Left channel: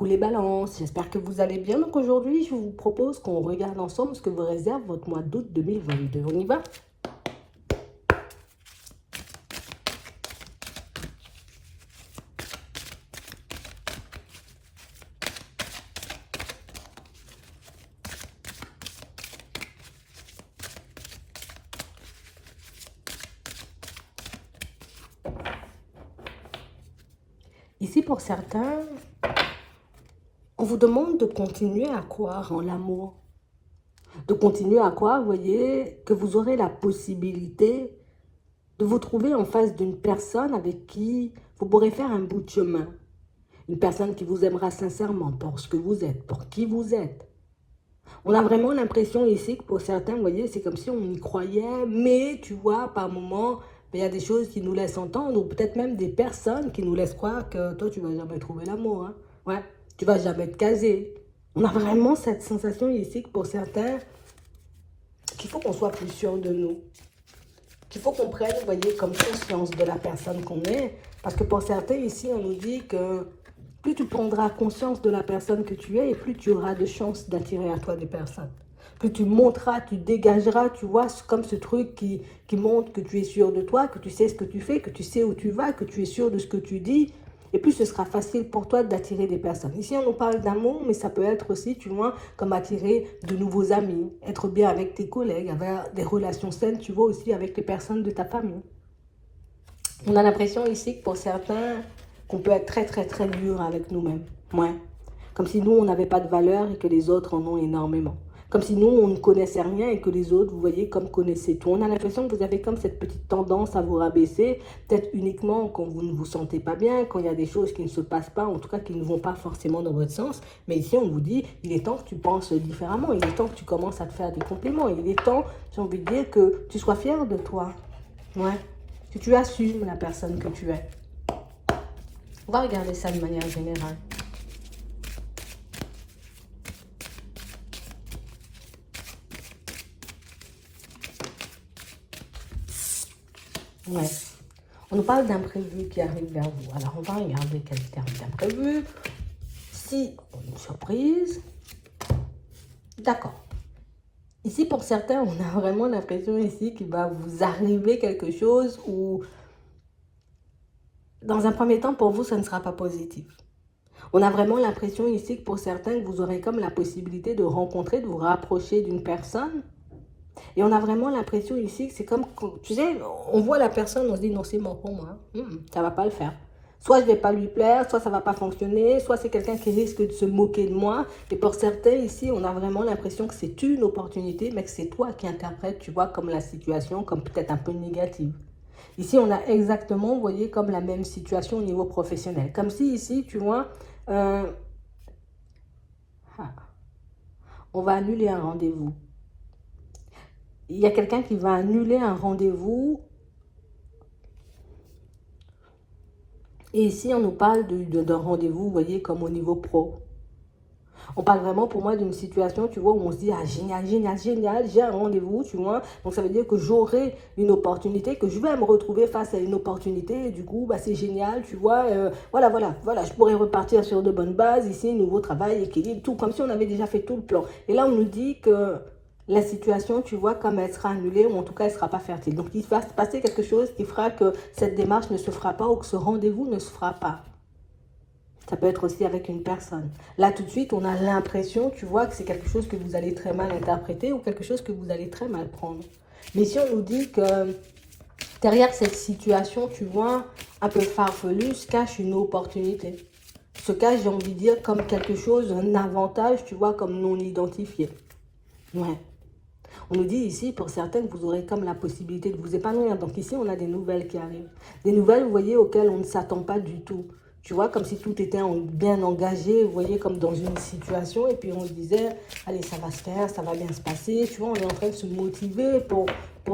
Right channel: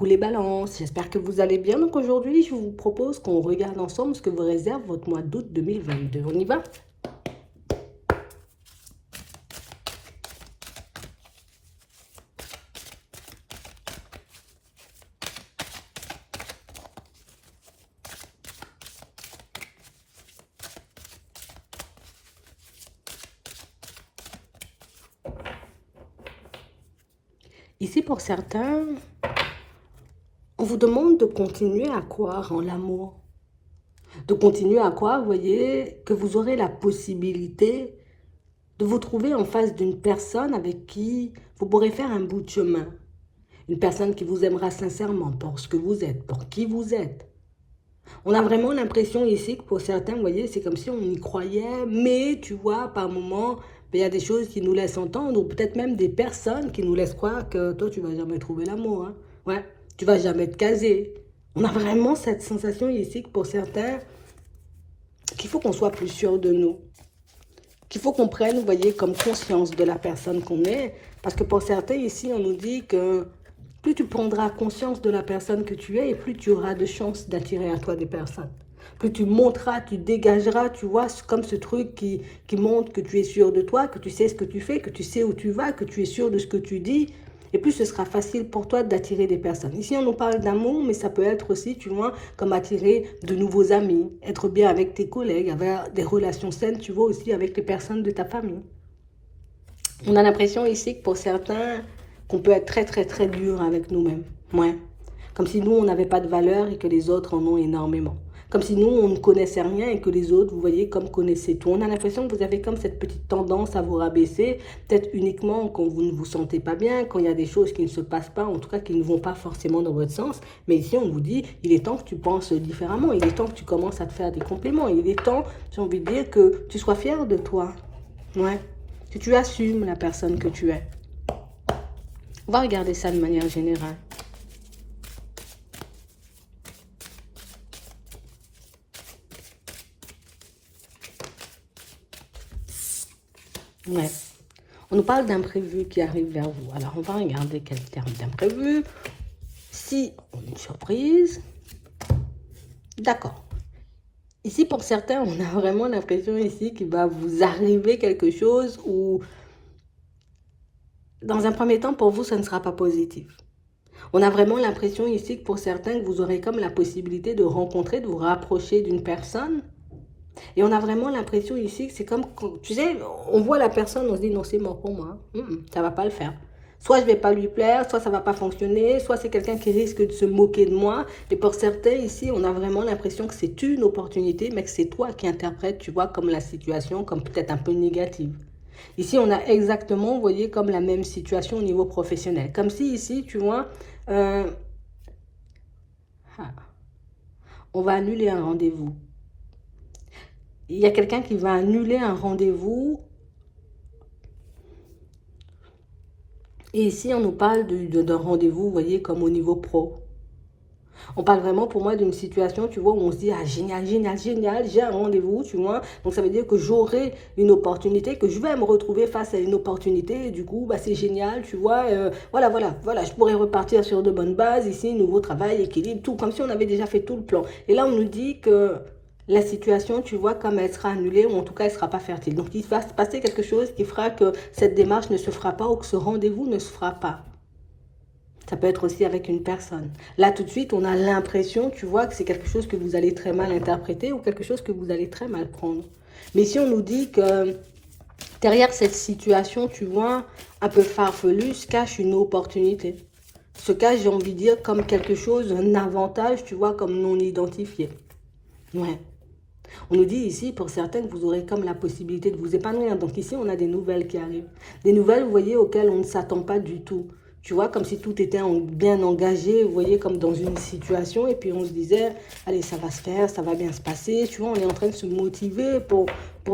Coucou les balances, j'espère que vous allez bien. Donc aujourd'hui, je vous propose qu'on regarde ensemble ce que vous réserve votre mois d'août 2022. On y va? Ici, pour certains, on vous demande de continuer à croire en l'amour. De continuer à croire, vous voyez, que vous aurez la possibilité de vous trouver en face d'une personne avec qui vous pourrez faire un bout de chemin. Une personne qui vous aimera sincèrement pour ce que vous êtes, pour qui vous êtes. On a vraiment l'impression ici que pour certains, vous voyez, c'est comme si on y croyait, mais tu vois, par moments, il y a des choses qui nous laissent entendre, ou peut-être même des personnes qui nous laissent croire que toi, tu vas jamais trouver l'amour. Hein. Ouais, tu vas jamais te caser. On a vraiment cette sensation ici que pour certains, qu'il faut qu'on soit plus sûr de nous. Qu'il faut qu'on prenne, vous voyez, comme conscience de la personne qu'on est. Parce que pour certains, ici, on nous dit que plus tu prendras conscience de la personne que tu es et plus tu auras de chances d'attirer à toi des personnes. Plus tu monteras, tu dégageras, tu vois, comme ce truc qui montre que tu es sûr de toi, que tu sais ce que tu fais, que tu sais où tu vas, que tu es sûr de ce que tu dis. Et plus ce sera facile pour toi d'attirer des personnes. Ici, on nous parle d'amour, mais ça peut être aussi, tu vois, comme attirer de nouveaux amis, être bien avec tes collègues, avoir des relations saines, tu vois, aussi avec les personnes de ta famille. On a l'impression ici que pour certains, qu'on peut être très très très dur avec nous-mêmes. Ouais. Comme si nous, on n'avait pas de valeur et que les autres en ont énormément. Comme si nous, on ne connaissait rien et que les autres, vous voyez, comme connaissaient tout. On a l'impression que vous avez comme cette petite tendance à vous rabaisser, peut-être uniquement quand vous ne vous sentez pas bien, quand il y a des choses qui ne se passent pas, en tout cas qui ne vont pas forcément dans votre sens. Mais ici, on vous dit, il est temps que tu penses différemment, il est temps que tu commences à te faire des compliments, il est temps, j'ai envie de dire, que tu sois fier de toi. Ouais. Que tu assumes la personne que tu es. On va regarder ça de manière générale. Yes. On nous parle d'imprévu qui arrive vers vous. Alors, on va regarder quel terme d'imprévu. Si on a une surprise. D'accord. Ici, pour certains, on a vraiment l'impression ici qu'il va vous arriver quelque chose où, dans un premier temps, pour vous, ça ne sera pas positif. On a vraiment l'impression ici que pour certains, que vous aurez comme la possibilité de rencontrer, de vous rapprocher d'une personne. Et on a vraiment l'impression ici que c'est comme, tu sais, on voit la personne, on se dit non, c'est mort pour moi. Ça va pas le faire. Soit je vais pas lui plaire, soit ça va pas fonctionner, soit c'est quelqu'un qui risque de se moquer de moi. Et pour certains ici, on a vraiment l'impression que c'est une opportunité, mais que c'est toi qui interprètes, tu vois, comme la situation, comme peut-être un peu négative. Ici, on a exactement, vous voyez, comme la même situation au niveau professionnel. Comme si ici, tu vois, euh, on va annuler un rendez-vous. Il y a quelqu'un qui va annuler un rendez-vous. Et ici, on nous parle d'un rendez-vous, vous voyez, comme au niveau pro. On parle vraiment pour moi d'une situation, tu vois, où on se dit, ah génial, génial, génial, j'ai un rendez-vous, tu vois. Donc ça veut dire que j'aurai une opportunité, que je vais me retrouver face à une opportunité. Et du coup, bah, c'est génial, tu vois. Voilà, je pourrais repartir sur de bonnes bases. Ici, nouveau travail, équilibre, tout, comme si on avait déjà fait tout le plan. Et là, on nous dit que la situation, tu vois, comme elle sera annulée, ou en tout cas, elle ne sera pas fertile. Donc, il va se passer quelque chose qui fera que cette démarche ne se fera pas ou que ce rendez-vous ne se fera pas. Ça peut être aussi avec une personne. Là, tout de suite, on a l'impression, tu vois, que c'est quelque chose que vous allez très mal interpréter ou quelque chose que vous allez très mal prendre. Mais si on nous dit que derrière cette situation, tu vois, un peu farfelue, se cache une opportunité. Se cache, j'ai envie de dire, comme quelque chose, un avantage, tu vois, comme non identifié. Ouais. On nous dit ici, pour certains, que vous aurez comme la possibilité de vous épanouir. Donc ici, on a des nouvelles qui arrivent. Des nouvelles, vous voyez, auxquelles on ne s'attend pas du tout. Tu vois, comme si tout était bien engagé, vous voyez, comme dans une situation. Et puis on se disait, allez, ça va se faire, ça va bien se passer. Tu vois, on est en train de se motiver pour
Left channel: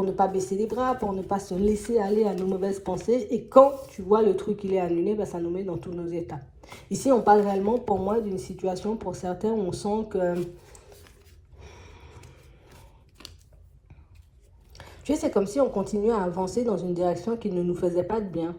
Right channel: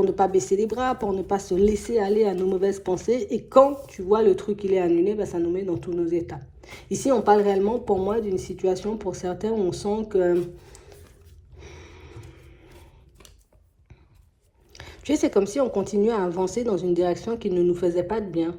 ne pas baisser les bras, pour ne pas se laisser aller à nos mauvaises pensées. Et quand tu vois le truc, il est annulé, ben, ça nous met dans tous nos états. Ici, on parle réellement, pour moi, d'une situation, pour certains, on sent que... Tu sais, c'est comme si on continuait à avancer dans une direction qui ne nous faisait pas de bien.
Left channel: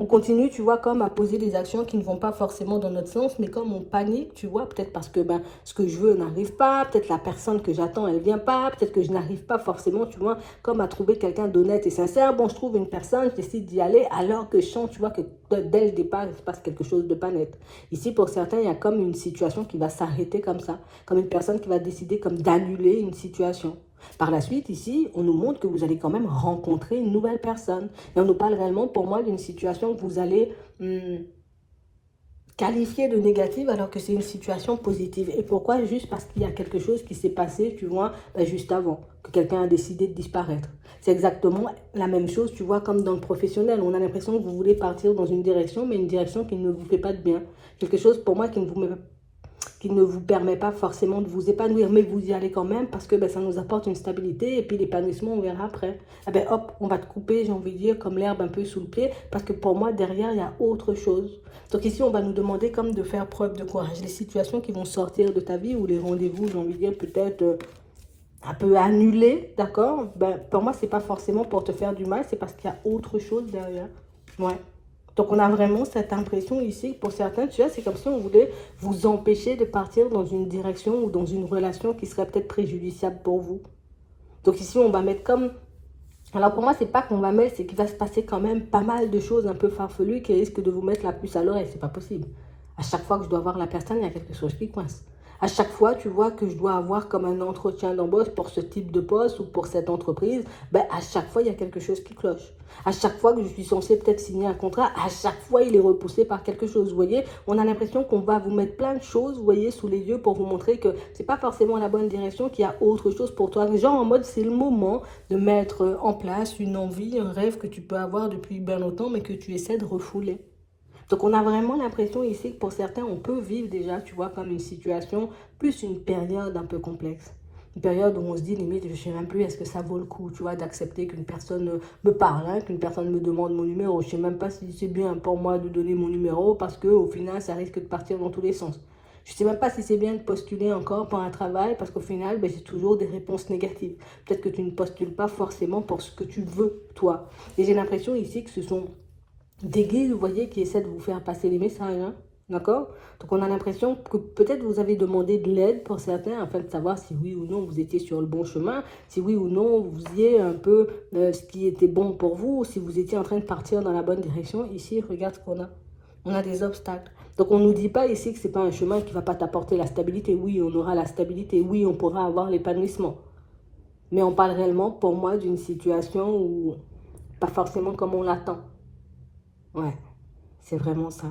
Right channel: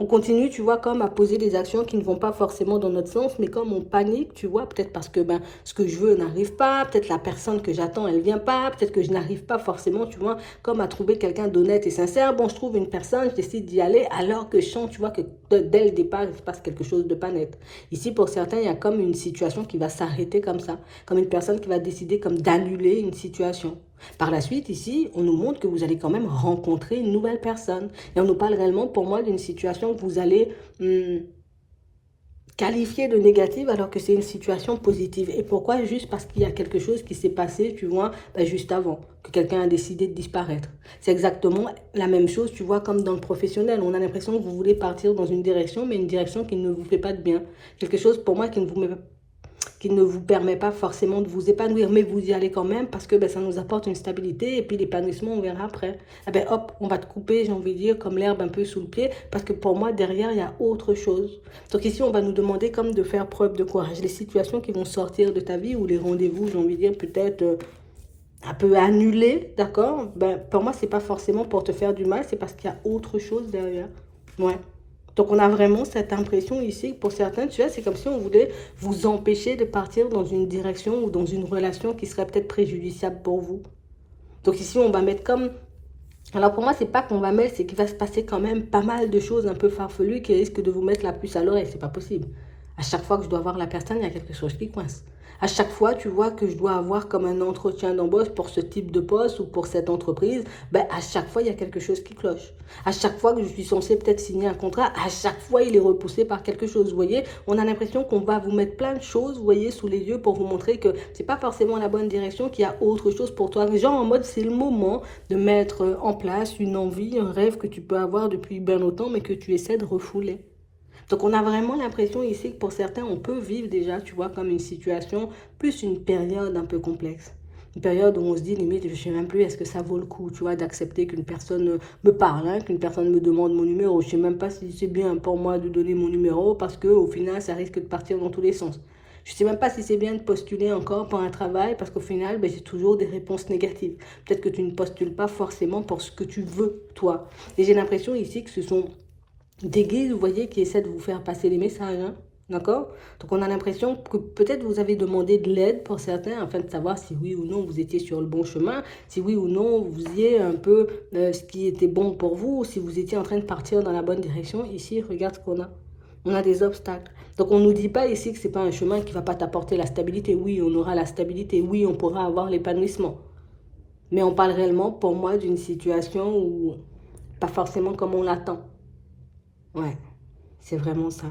On continue, tu vois, comme à poser des actions qui ne vont pas forcément dans notre sens, mais comme on panique, tu vois, peut-être parce que ben, ce que je veux n'arrive pas, peut-être la personne que j'attends, elle vient pas, peut-être que je n'arrive pas forcément, tu vois, comme à trouver quelqu'un d'honnête et sincère. Bon, je trouve une personne, je décide d'y aller, alors que je sens, tu vois, que dès le départ, il se passe quelque chose de pas net. Ici, pour certains, il y a comme une situation qui va s'arrêter comme ça, comme une personne qui va décider comme d'annuler une situation. Par la suite, ici, on nous montre que vous allez quand même rencontrer une nouvelle personne. Et on nous parle réellement, pour moi, d'une situation que vous allez qualifier de négative alors que c'est une situation positive. Et pourquoi? Juste parce qu'il y a quelque chose qui s'est passé, tu vois, ben juste avant, que quelqu'un a décidé de disparaître. C'est exactement la même chose, tu vois, comme dans le professionnel. On a l'impression que vous voulez partir dans une direction, mais une direction qui ne vous fait pas de bien. Quelque chose, pour moi, qui ne vous permet pas forcément de vous épanouir, mais vous y allez quand même parce que ben, ça nous apporte une stabilité et puis l'épanouissement, on verra après. Eh ben, hop, on va te couper, j'ai envie de dire, comme l'herbe un peu sous le pied parce que pour moi, derrière, il y a autre chose. Donc ici, on va nous demander comme de faire preuve de courage. Les situations qui vont sortir de ta vie ou les rendez-vous, j'ai envie de dire, peut-être un peu annulés, d'accord? Ben, pour moi, c'est pas forcément pour te faire du mal, c'est parce qu'il y a autre chose derrière. Ouais. Donc, on a vraiment cette impression ici, pour certains, tu vois, c'est comme si on voulait vous empêcher de partir dans une direction ou dans une relation qui serait peut-être préjudiciable pour vous. Donc, ici, on va mettre comme... Alors, pour moi, c'est pas qu'on va mettre, c'est qu'il va se passer quand même pas mal de choses un peu farfelues qui risquent de vous mettre la puce à l'oreille. C'est pas possible. À chaque fois que je dois voir la personne, il y a quelque chose qui coince. À chaque fois, tu vois, que je dois avoir comme un entretien d'embauche pour ce type de poste ou pour cette entreprise, ben, à chaque fois, il y a quelque chose qui cloche. À chaque fois que je suis censée peut-être signer un contrat, à chaque fois, il est repoussé par quelque chose. Vous voyez, on a l'impression qu'on va vous mettre plein de choses, vous voyez, sous les yeux pour vous montrer que c'est pas forcément la bonne direction, qu'il y a autre chose pour toi. Genre en mode, c'est le moment de mettre en place une envie, un rêve que tu peux avoir depuis bien longtemps, mais que tu essaies de refouler. Donc on a vraiment l'impression ici que pour certains, on peut vivre déjà, tu vois, comme une situation, plus une période un peu complexe. Une période où on se dit, limite, je ne sais même plus, est-ce que ça vaut le coup, tu vois, d'accepter qu'une personne me parle, hein, qu'une personne me demande mon numéro. Je ne sais même pas si c'est bien pour moi de donner mon numéro parce qu'au final, ça risque de partir dans tous les sens. Je ne sais même pas si c'est bien de postuler encore pour un travail parce qu'au final, ben, j'ai toujours des réponses négatives. Peut-être que tu ne postules pas forcément pour ce que tu veux, toi. Et j'ai l'impression ici que ce sont des guides, vous voyez, qui essaient de vous faire passer les messages, hein. D'accord? Donc on a l'impression que peut-être vous avez demandé de l'aide pour certains afin de savoir si oui ou non vous étiez sur le bon chemin, si oui ou non vous faisiez un peu ce qui était bon pour vous, si vous étiez en train de partir dans la bonne direction. Ici, regarde ce qu'on a. On a des obstacles. Donc on ne nous dit pas ici que ce n'est pas un chemin qui ne va pas t'apporter la stabilité. Oui, on aura la stabilité. Oui, on pourra avoir l'épanouissement. Mais on parle réellement pour moi d'une situation où pas forcément comme on l'attend. Ouais, c'est vraiment ça.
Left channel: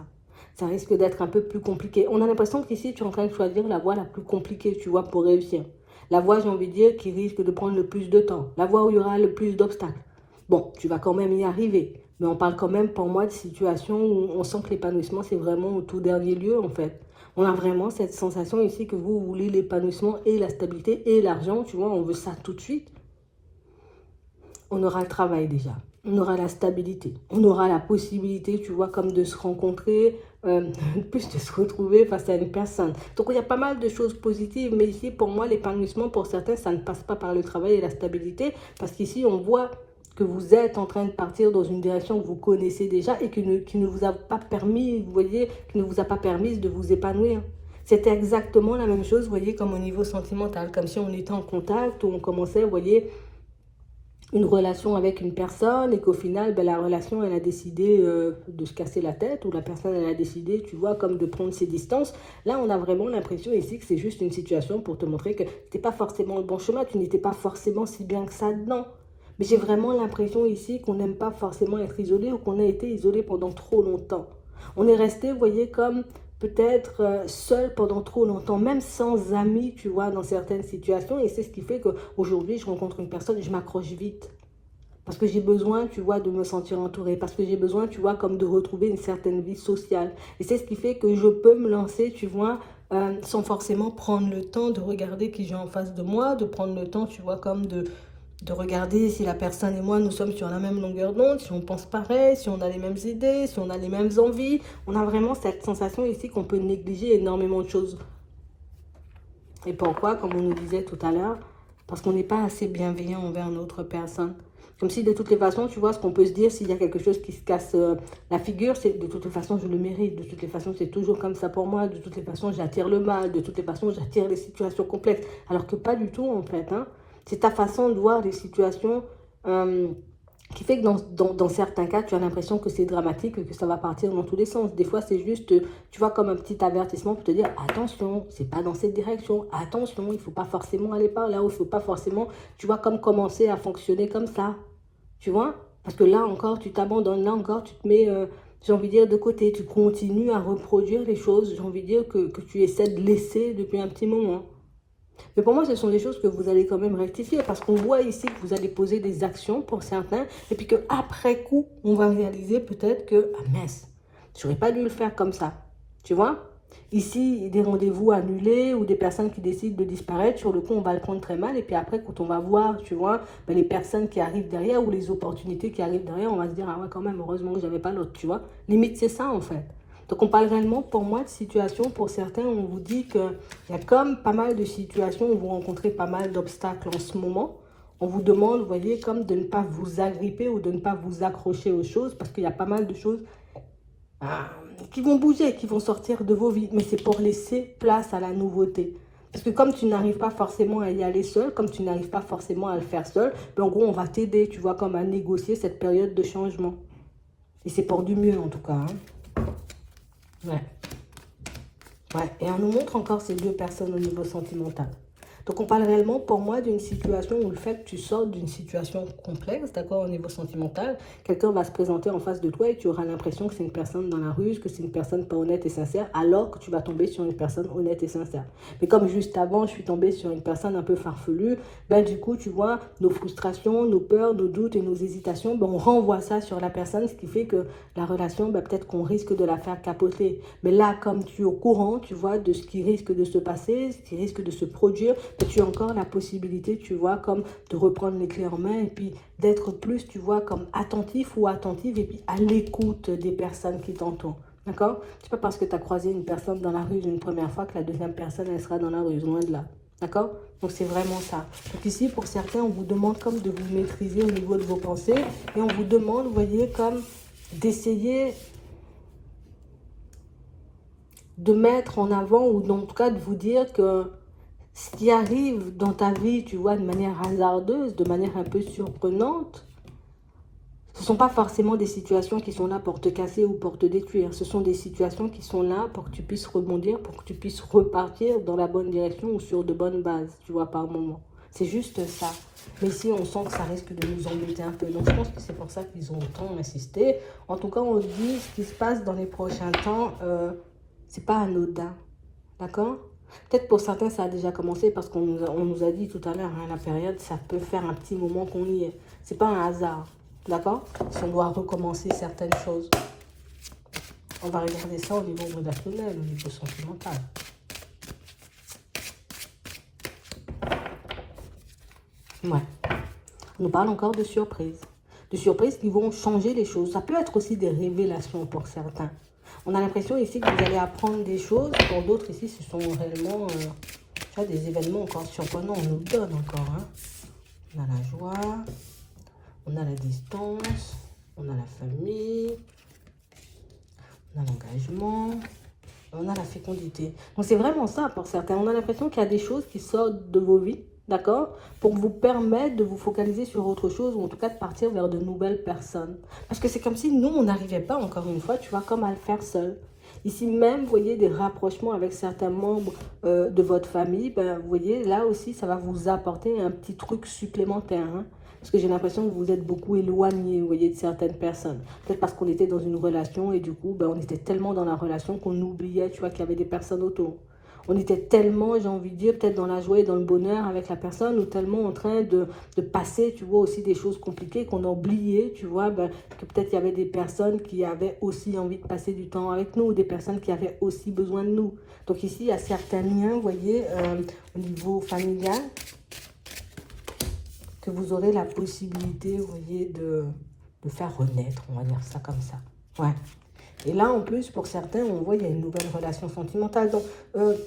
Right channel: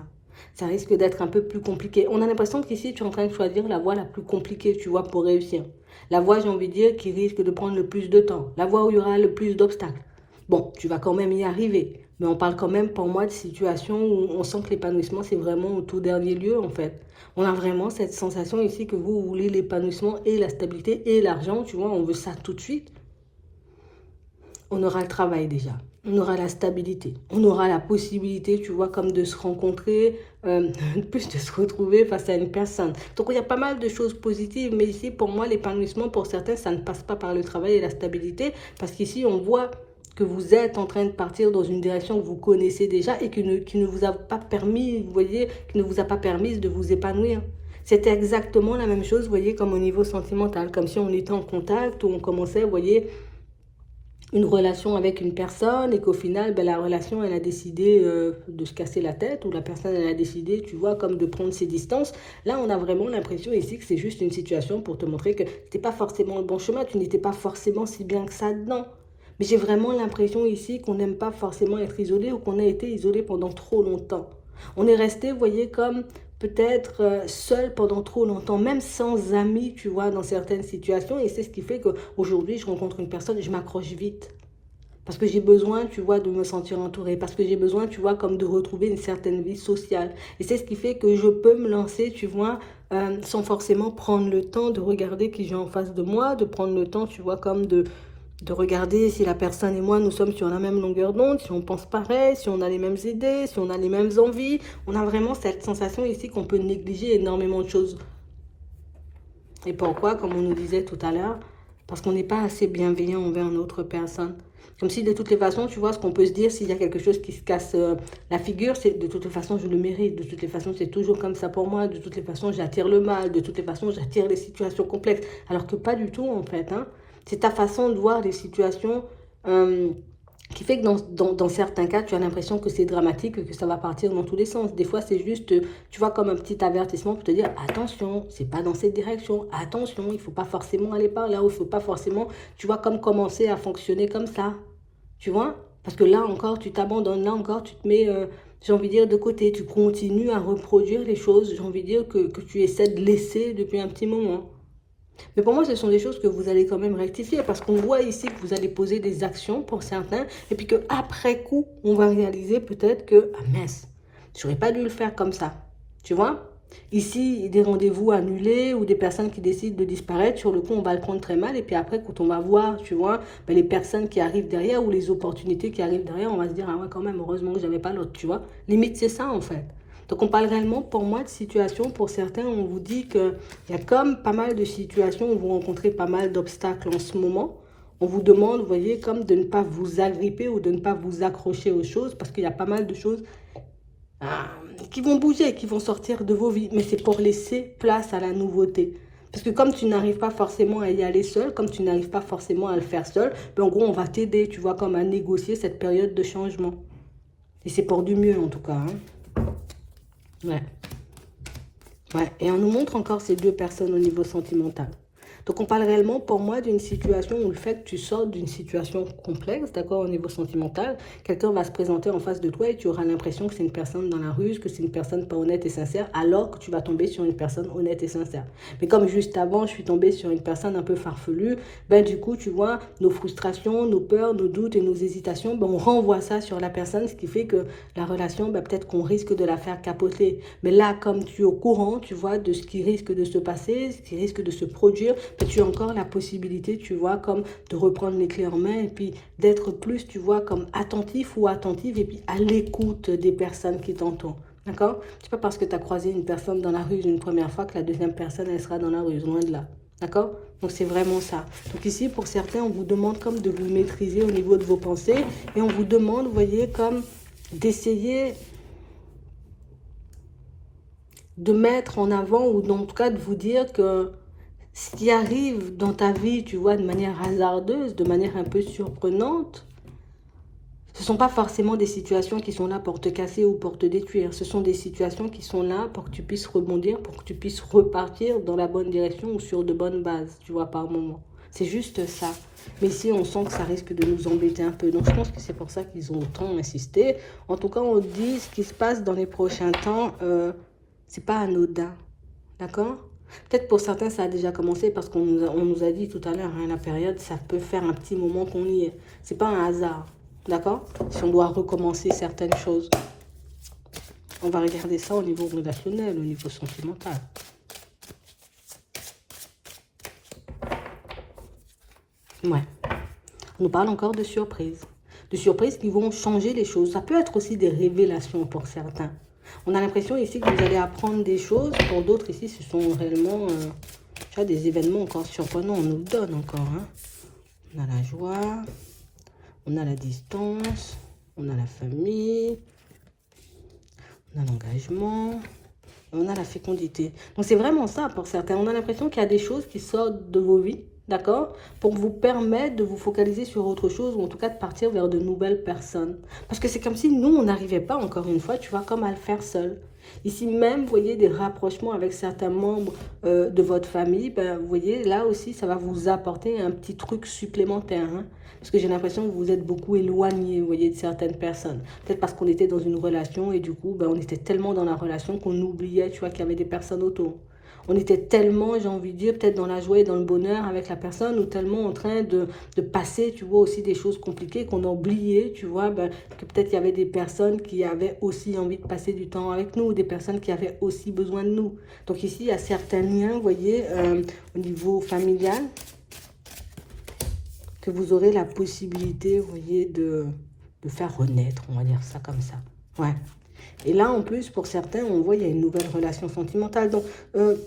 Ça risque d'être un peu plus compliqué. On a l'impression qu'ici, tu es en train de choisir la voie la plus compliquée, tu vois, pour réussir. La voie, j'ai envie de dire, qui risque de prendre le plus de temps. La voie où il y aura le plus d'obstacles. Bon, tu vas quand même y arriver. Mais on parle quand même, pour moi, de situations où on sent que l'épanouissement, c'est vraiment au tout dernier lieu, en fait. On a vraiment cette sensation ici que vous voulez l'épanouissement et la stabilité et l'argent, tu vois, on veut ça tout de suite. On aura le travail déjà, on aura la stabilité, on aura la possibilité, tu vois, comme de se rencontrer, plus de se retrouver face à une personne. Donc il y a pas mal de choses positives, mais ici pour moi l'épanouissement pour certains ça ne passe pas par le travail et la stabilité, parce qu'ici on voit que vous êtes en train de partir dans une direction que vous connaissez déjà et qui ne vous a pas permis, vous voyez, qui ne vous a pas permis de vous épanouir. C'était exactement la même chose, vous voyez, comme au niveau sentimental, comme si on était en contact ou on commençait, vous voyez, une relation avec une personne et qu'au final, ben, la relation, elle a décidé de se casser la tête ou la personne, elle a décidé, tu vois, comme de prendre ses distances. Là, on a vraiment l'impression ici que c'est juste une situation pour te montrer que c'était pas forcément le bon chemin, tu n'étais pas forcément si bien que ça dedans. Mais j'ai vraiment l'impression ici qu'on n'aime pas forcément être isolé ou qu'on a été isolé pendant trop longtemps. On est resté, vous voyez, comme peut-être seul pendant trop longtemps, même sans amis, tu vois, dans certaines situations. Et c'est ce qui fait qu'aujourd'hui, je rencontre une personne et je m'accroche vite. Parce que j'ai besoin, tu vois, de me sentir entourée. Parce que j'ai besoin, tu vois, comme de retrouver une certaine vie sociale. Et c'est ce qui fait que je peux me lancer, tu vois, sans forcément prendre le temps de regarder qui j'ai en face de moi, de prendre le temps, tu vois, comme de regarder si la personne et moi, nous sommes sur la même longueur d'onde, si on pense pareil, si on a les mêmes idées, si on a les mêmes envies. On a vraiment cette sensation ici qu'on peut négliger énormément de choses. Et pourquoi, comme on nous disait tout à l'heure, Parce qu'on n'est pas assez bienveillant envers notre personne. Comme si de toutes les façons, tu vois, ce qu'on peut se dire, s'il y a quelque chose qui se casse la figure, c'est de toutes les façons, je le mérite. De toutes les façons, c'est toujours comme ça pour moi. De toutes les façons, j'attire le mal. De toutes les façons, j'attire des situations complexes. Alors que pas du tout, en fait. Hein. C'est ta façon de voir les situations qui fait que dans certains cas, tu as l'impression que c'est dramatique et que ça va partir dans tous les sens. Des fois, c'est juste, tu vois, comme un petit avertissement pour te dire, attention, c'est pas dans cette direction. Attention, il faut pas forcément aller par là. Ou il faut pas forcément, tu vois, comme commencer à fonctionner comme ça. Tu vois? Parce que là encore, tu t'abandonnes, là encore, tu te mets, j'ai envie de dire, de côté. Tu continues à reproduire les choses, j'ai envie de dire, que tu essaies de laisser depuis un petit moment. Mais pour moi, ce sont des choses que vous allez quand même rectifier parce qu'on voit ici que vous allez poser des actions pour certains et puis qu'après coup, on va réaliser peut-être que, ah, mince, j'aurais pas dû le faire comme ça. Tu vois? Ici, des rendez-vous annulés ou des personnes qui décident de disparaître, sur le coup, on va le prendre très mal. Et puis après, quand on va voir, tu vois, ben, les personnes qui arrivent derrière ou les opportunités qui arrivent derrière, on va se dire, ah ouais, quand même, heureusement que j'avais pas l'autre, tu vois. Limite, c'est ça, en fait. Donc, on parle réellement, pour moi, de situations. Pour certains, on vous dit qu'il y a comme pas mal de situations où vous rencontrez pas mal d'obstacles en ce moment. On vous demande, vous voyez, comme de ne pas vous agripper ou de ne pas vous accrocher aux choses parce qu'il y a pas mal de choses qui vont bouger, qui vont sortir de vos vies. Mais c'est pour laisser place à la nouveauté. Parce que comme tu n'arrives pas forcément à y aller seul, comme tu n'arrives pas forcément à le faire seul, ben en gros, on va t'aider, tu vois, comme à négocier cette période de changement. Et c'est pour du mieux, en tout cas. Hein. Ouais. Ouais. Et on nous montre encore ces deux personnes au niveau sentimental. Donc on parle réellement pour moi d'une situation où le fait que tu sors d'une situation complexe, d'accord, au niveau sentimental, quelqu'un va se présenter en face de toi et tu auras l'impression que c'est une personne dans la rue, que c'est une personne pas honnête et sincère, alors que tu vas tomber sur une personne honnête et sincère. Mais comme juste avant, je suis tombée sur une personne un peu farfelue, ben du coup, tu vois, nos frustrations, nos peurs, nos doutes et nos hésitations, ben on renvoie ça sur la personne, ce qui fait que la relation, ben peut-être qu'on risque de la faire capoter. Mais là, comme tu es au courant, tu vois, de ce qui risque de se passer, ce qui risque de se produire, tu as encore la possibilité, tu vois, comme de reprendre les clés en main et puis d'être plus, tu vois, comme attentif ou attentive et puis à l'écoute des personnes qui t'entourent. D'accord? C'est pas parce que tu as croisé une personne dans la rue une première fois que la deuxième personne, elle sera dans la rue, loin de là. D'accord? Donc c'est vraiment ça. Donc ici, pour certains, on vous demande comme de vous maîtriser au niveau de vos pensées et on vous demande, vous voyez, comme d'essayer de mettre en avant ou en tout cas de vous dire que ce qui arrive dans ta vie, tu vois, de manière hasardeuse, de manière un peu surprenante, ce ne sont pas forcément des situations qui sont là pour te casser ou pour te détruire. Ce sont des situations qui sont là pour que tu puisses rebondir, pour que tu puisses repartir dans la bonne direction ou sur de bonnes bases, tu vois, par moment. C'est juste ça. Mais si on sent que ça risque de nous embêter un peu, donc je pense que c'est pour ça qu'ils ont tant insisté. En tout cas, on dit ce qui se passe dans les prochains temps, c'est pas anodin. D'accord? Peut-être pour certains, ça a déjà commencé parce qu'on nous a dit tout à l'heure, hein, la période, ça peut faire un petit moment qu'on y est. C'est pas un hasard. D'accord? Si on doit recommencer certaines choses. On va regarder ça au niveau relationnel, au niveau sentimental. Ouais. On nous parle encore de surprises. De surprises qui vont changer les choses. Ça peut être aussi des révélations pour certains. On a l'impression ici que vous allez apprendre des choses. Pour d'autres ici, ce sont réellement tu vois, des événements encore surprenants. On nous donne encore. Hein. On a la joie, on a la distance, on a la famille, on a l'engagement, on a la fécondité. Donc c'est vraiment ça pour certains. On a l'impression qu'il y a des choses qui sortent de vos vies, d'accord, pour vous permettre de vous focaliser sur autre chose ou en tout cas de partir vers de nouvelles personnes. Parce que c'est comme si nous, on n'arrivait pas, encore une fois, tu vois, comme à le faire seul. Ici même, vous voyez des rapprochements avec certains membres de votre famille, ben, vous voyez, là aussi, ça va vous apporter un petit truc supplémentaire. Hein, parce que j'ai l'impression que vous êtes beaucoup éloigné, vous voyez, de certaines personnes. Peut-être parce qu'on était dans une relation et du coup, ben, on était tellement dans la relation qu'on oubliait, tu vois, qu'il y avait des personnes autour. On était tellement, j'ai envie de dire, peut-être dans la joie et dans le bonheur avec la personne ou tellement en train de passer, tu vois, aussi des choses compliquées qu'on a oublié, tu vois, ben, que peut-être il y avait des personnes qui avaient aussi envie de passer du temps avec nous, ou des personnes qui avaient aussi besoin de nous. Donc ici, il y a certains liens, vous voyez, au niveau familial, que vous aurez la possibilité, vous voyez, de faire renaître, on va dire ça comme ça. Ouais. Et là, en plus, pour certains, on voit il y a une nouvelle relation sentimentale. Donc,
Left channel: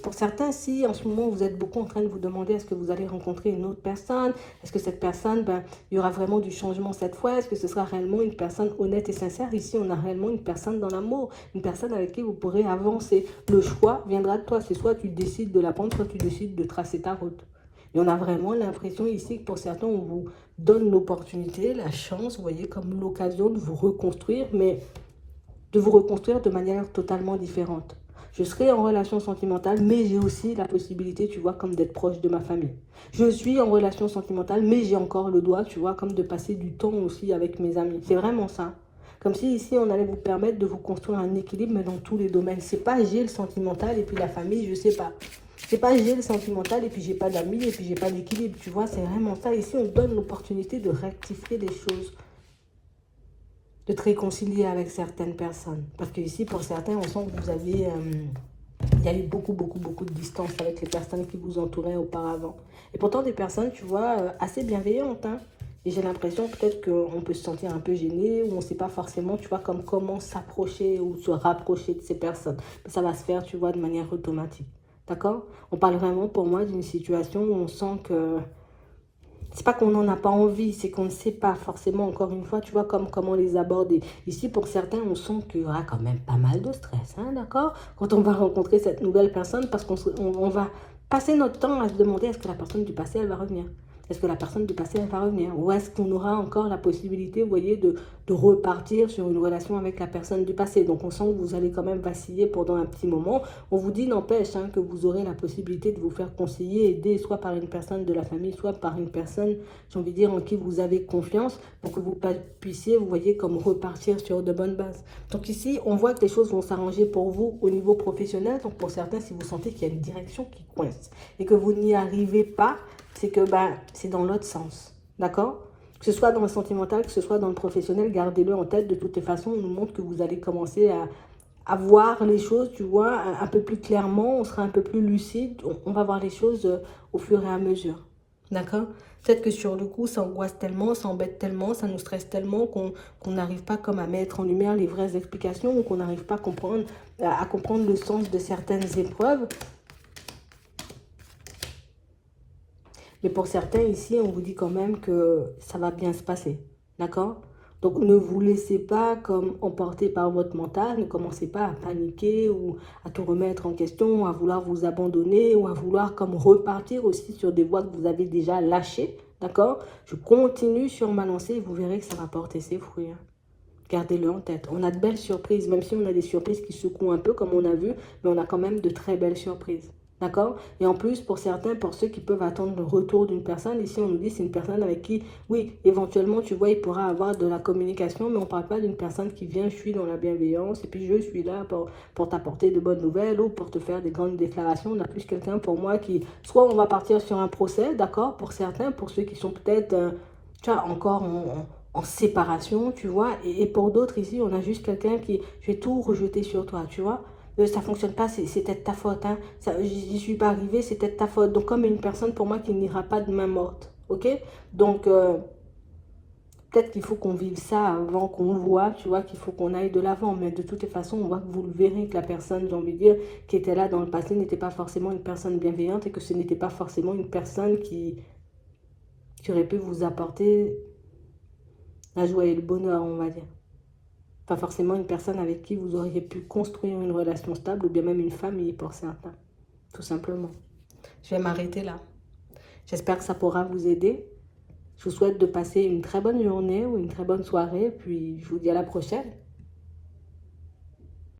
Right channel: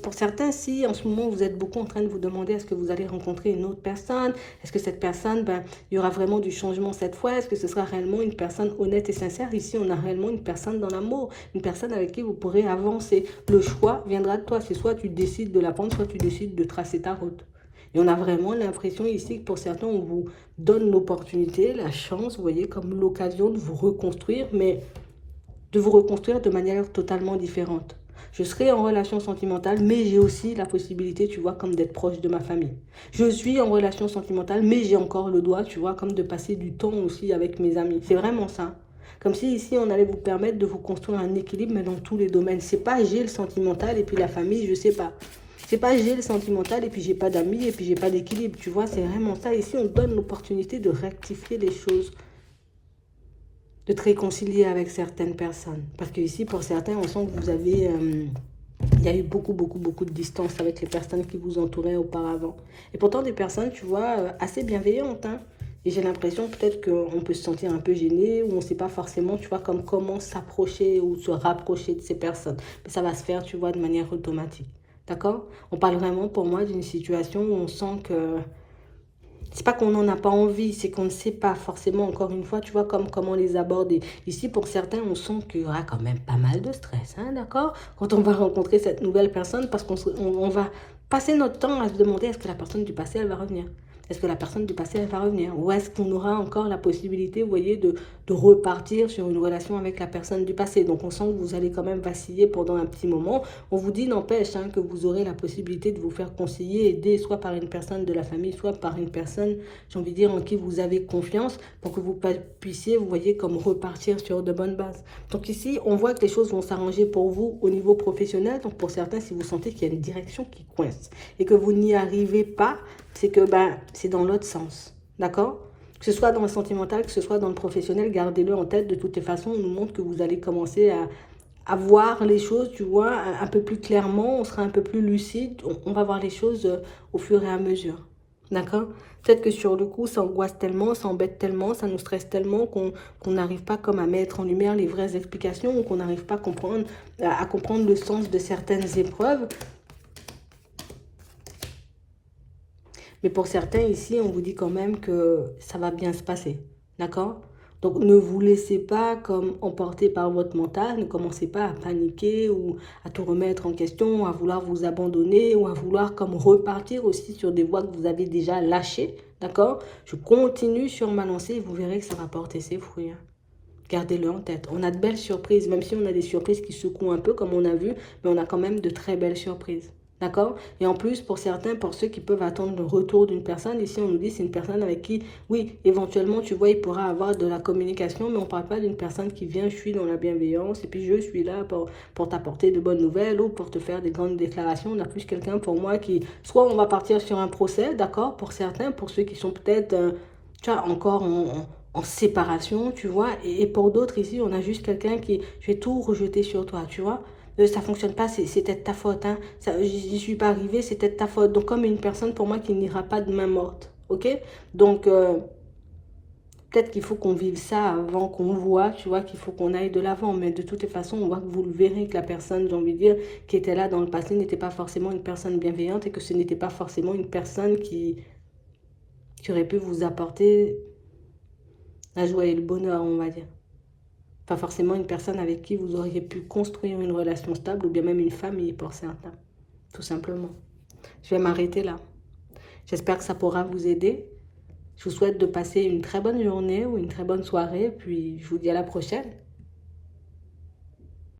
pour certains, si en ce moment, vous êtes beaucoup en train de vous demander est-ce que vous allez rencontrer une autre personne, est-ce que cette personne, ben, il y aura vraiment du changement cette fois, est-ce que ce sera réellement une personne honnête et sincère. Ici, on a réellement une personne dans l'amour, une personne avec qui vous pourrez avancer. Le choix viendra de toi. C'est soit tu décides de la prendre, soit tu décides de tracer ta route. Et on a vraiment l'impression ici que pour certains, on vous donne l'opportunité, la chance, vous voyez, comme l'occasion de vous reconstruire, mais de vous reconstruire de manière totalement différente. Je serai en relation sentimentale, mais j'ai aussi la possibilité, tu vois, comme d'être proche de ma famille. Je suis en relation sentimentale, mais j'ai encore le droit, tu vois, comme de passer du temps aussi avec mes amis. C'est vraiment ça. Comme si ici, on allait vous permettre de vous construire un équilibre, mais dans tous les domaines. C'est pas j'ai le sentimental et puis la famille, je sais pas. C'est pas j'ai le sentimental et puis j'ai pas d'amis et puis j'ai pas d'équilibre. Tu vois, c'est vraiment ça. Ici, on donne l'opportunité de rectifier des choses, de te réconcilier avec certaines personnes. Parce que ici, pour certains, on sent que vous avez... il y a eu beaucoup de distance avec les personnes qui vous entouraient auparavant. Et pourtant, des personnes, tu vois, assez bienveillantes, hein. Et j'ai l'impression peut-être qu'on peut se sentir un peu gêné, ou on ne sait pas forcément, tu vois, comme comment s'approcher ou se rapprocher de ces personnes. Mais ça va se faire, tu vois, de manière automatique. D'accord? On parle vraiment, pour moi, d'une situation où on sent que c'est pas qu'on n'en a pas envie, c'est qu'on ne sait pas forcément, encore une fois, tu vois, comme comment les aborder. Ici, pour certains, on sent qu'il y aura quand même pas mal de stress, hein, d'accord? Quand on va rencontrer cette nouvelle personne, parce qu'on va passer notre temps à se demander est-ce que la personne du passé, elle va revenir? Est-ce que la personne du passé, elle va revenir? Ou est-ce qu'on aura encore la possibilité, vous voyez, de repartir sur une relation avec la personne du passé? Donc, on sent que vous allez quand même vaciller pendant un petit moment. On vous dit, n'empêche, hein, que vous aurez la possibilité de vous faire conseiller, aider, soit par une personne de la famille, soit par une personne, j'ai envie de dire, en qui vous avez confiance, pour que vous puissiez, vous voyez, comme repartir sur de bonnes bases. Donc ici, on voit que les choses vont s'arranger pour vous au niveau professionnel. Donc pour certains, si vous sentez qu'il y a une direction qui coince et que vous n'y arrivez pas, c'est que c'est dans l'autre sens. D'accord? Que ce soit dans le sentimental, que ce soit dans le professionnel, gardez-le en tête. De toutes les façons, on nous montre que vous allez commencer à voir les choses, tu vois, un peu plus clairement. On sera un peu plus lucide. On va voir les choses au fur et à mesure. D'accord? Peut-être que sur le coup, ça angoisse tellement, ça embête tellement, ça nous stresse tellement qu'on n'arrive pas comme à mettre en lumière les vraies explications, ou qu'on n'arrive pas à comprendre le sens de certaines épreuves. Mais pour certains ici, on vous dit quand même que ça va bien se passer. D'accord? Donc ne vous laissez pas comme emporter par votre mental, ne commencez pas à paniquer ou à tout remettre en question, à vouloir vous abandonner ou à vouloir comme repartir aussi sur des voies que vous avez déjà lâchées. D'accord? Je continue sur ma lancée et vous verrez que ça va porter ses fruits. Gardez-le en tête. On a de belles surprises, même si on a des surprises qui secouent un peu comme on a vu, mais on a quand même de très belles surprises. D'accord? Et en plus, pour certains, pour ceux qui peuvent attendre le retour d'une personne, ici on nous dit c'est une personne avec qui, oui, éventuellement, tu vois, il pourra avoir de la communication, mais on ne parle pas d'une personne qui vient, je suis dans la bienveillance, et puis je suis là pour t'apporter de bonnes nouvelles ou pour te faire des grandes déclarations. On a plus quelqu'un pour moi qui, soit on va partir sur un procès, d'accord, pour certains, pour ceux qui sont peut-être, tu vois, encore en séparation, tu vois, et pour d'autres ici, on a juste quelqu'un qui, je vais tout rejeter sur toi, tu vois. Ça fonctionne pas, c'est peut-être ta faute, hein. J'y suis pas arrivée, c'est peut-être ta faute. Donc, comme une personne pour moi qui n'ira pas de main morte, ok? Donc, peut-être qu'il faut qu'on vive ça avant qu'on voit, tu vois, qu'il faut qu'on aille de l'avant. Mais de toutes les façons, on voit que vous le verrez, que la personne, j'ai envie de dire, qui était là dans le passé n'était pas forcément une personne bienveillante et que ce n'était pas forcément une personne qui aurait pu vous apporter la joie et le bonheur, on va dire. Pas forcément une personne avec qui vous auriez pu construire une relation stable ou bien même une famille pour certains, tout simplement. Je vais m'arrêter là. J'espère que ça pourra vous aider. Je vous souhaite de passer une très bonne journée ou une très bonne soirée, puis je vous dis à la prochaine.